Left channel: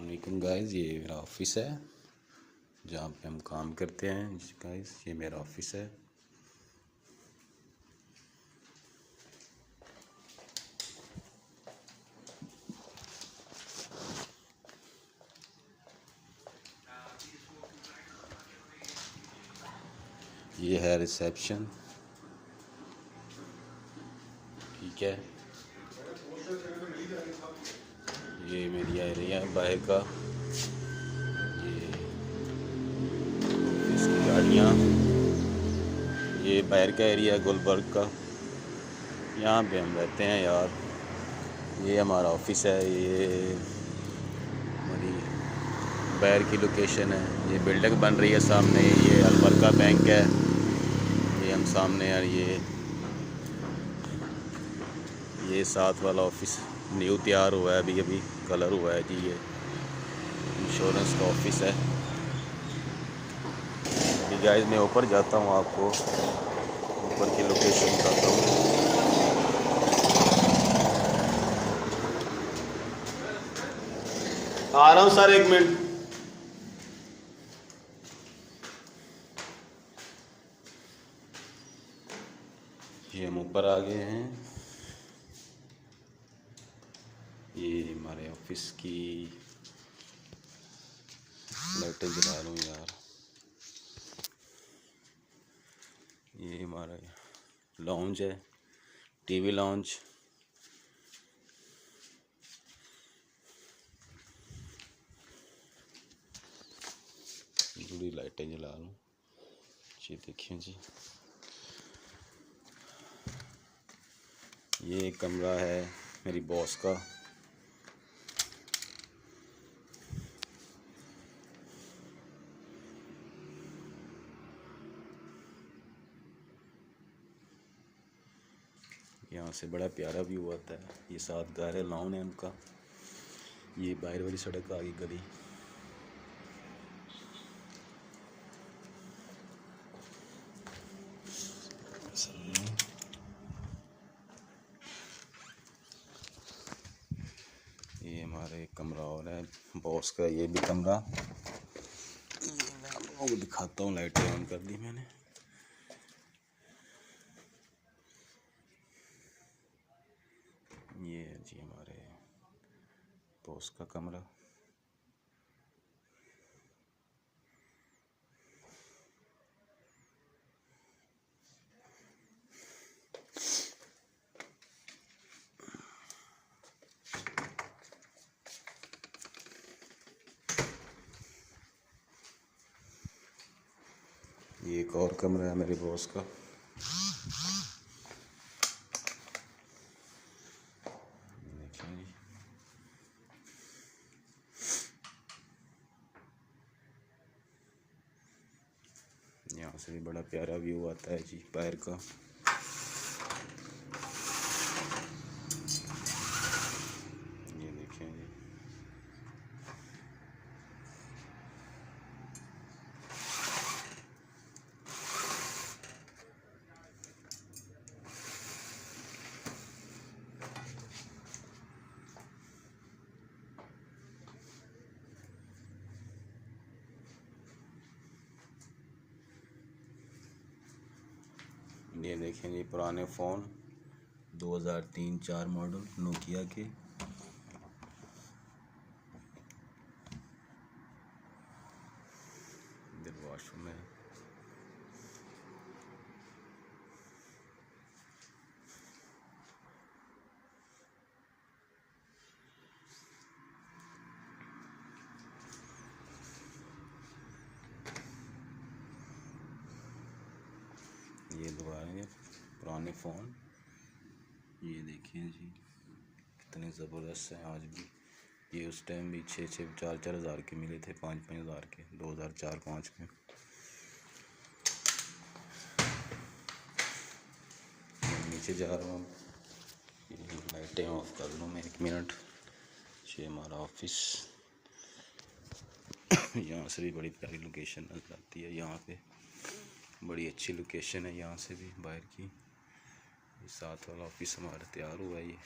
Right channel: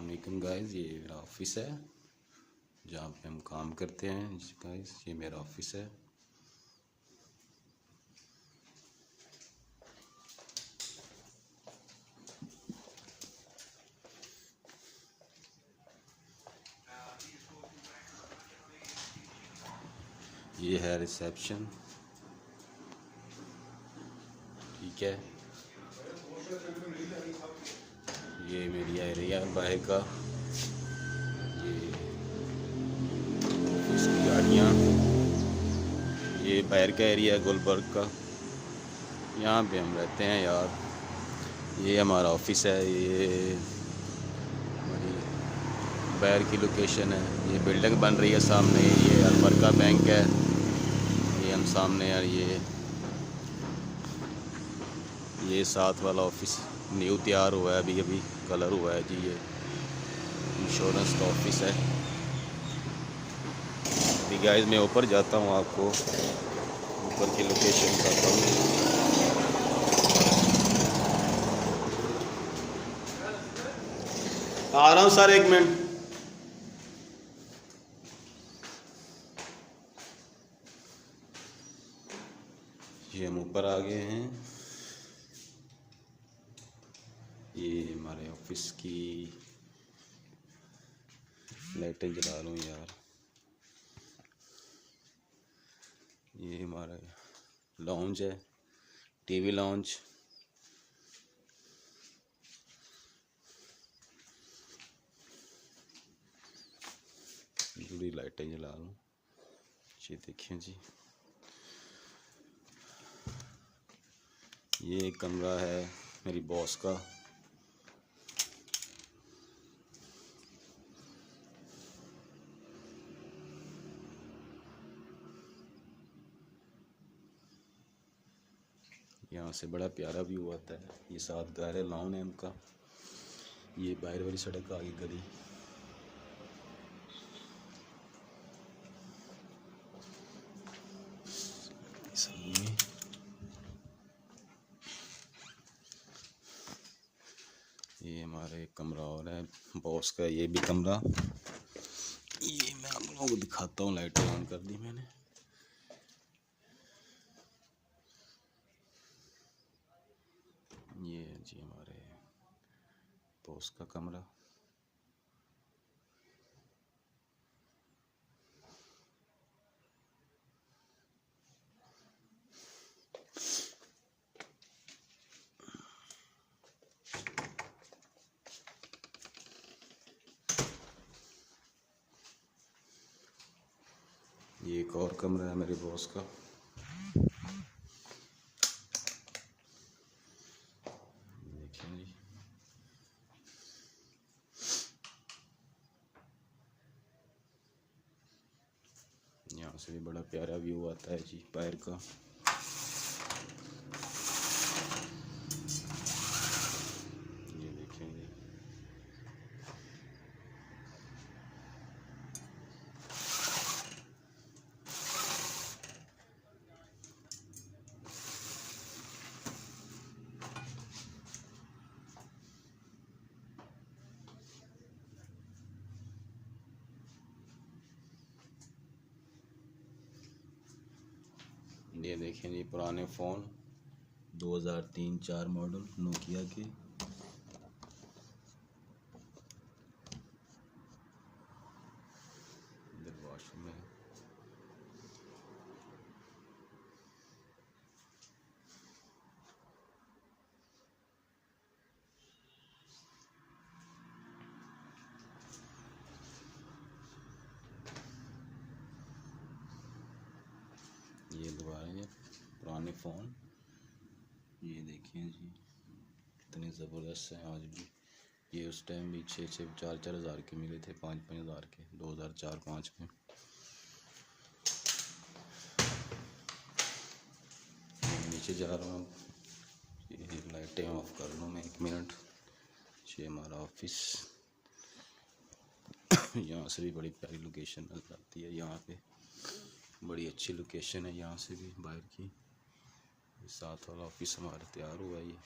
अस्सलाम वालेकुम गाइस, ये मेरा ऑफिस है जहाँ पे हम काम करते हैं गाइस। ये मेरा ऑफिस है। ये है रिसेप्शन, ठीक है। ये मेरी एरिया बाहर का, ये ऑफिस की गाड़ियाँ, ये बाहर का एरिया है गुलबर्ग का। यहाँ पे हम रहते हैं यार। ये हमारा ऑफिस है, ये हमारी बाहर की लोकेशन है। ये बिल्डिंग बन रही है सामने, ये अलवर का बैंक है। ये हम सामने यार, ये साथ वाला ऑफिस न्यू तैयार हुआ है, अभी अभी कलर हुआ है जी। ये इंश्योरेंस का ऑफिस है। अभी गाइस मैं ऊपर जाता हूँ, आपको ऊपर की लोकेशन बताता हूँ। आ रहा हूँ सर, एक मिनट। ये हम ऊपर आ गए हैं। ये हमारे ऑफिस की लाइटें जला लूँ यार। ये हमारा लॉन्ज है, टीवी लॉन्ज। थोड़ी लाइटें जला लूँ। ये देखिए जी, ये कमरा है मेरी बॉस का। यहाँ से बड़ा प्यारा व्यू आता है। ये साथ गारे लॉन है उनका। ये बाहर वाली सड़क आ गई गली। ये हमारा एक कमरा और है बॉस का, ये भी कमरा। ये मैं आप लोगों को दिखाता हूँ, लाइटें ऑन कर दी मैंने। ये जी हमारे बॉस का कमरा। ये एक और कमरा है मेरे बॉस का। यहाँ से भी बड़ा प्यारा व्यू आता है जी बाहर का। ये देखें जी, ये देखें जी पुराने फ़ोन 2003-04 मॉडल नोकिया के। वॉशरूम है। ये दोबारा पुराने फ़ोन, ये देखिए जी कितने ज़बरदस्त हैं आज भी। ये उस टाइम भी 6-6 4-4 हज़ार के मिले थे, 5-5 हज़ार के 2004-05 में। नीचे जा रहा हूँ, लाइटें ऑफ कर लूँ मैं, 1 मिनट। ये हमारा ऑफिस। यहाँ से भी बड़ी प्यारी लोकेशन नजर आती है। यहाँ पे बड़ी अच्छी लोकेशन है यहाँ से भी बाहर की। साथ वाला ऑफिस हमारा तैयार हुआ है ये।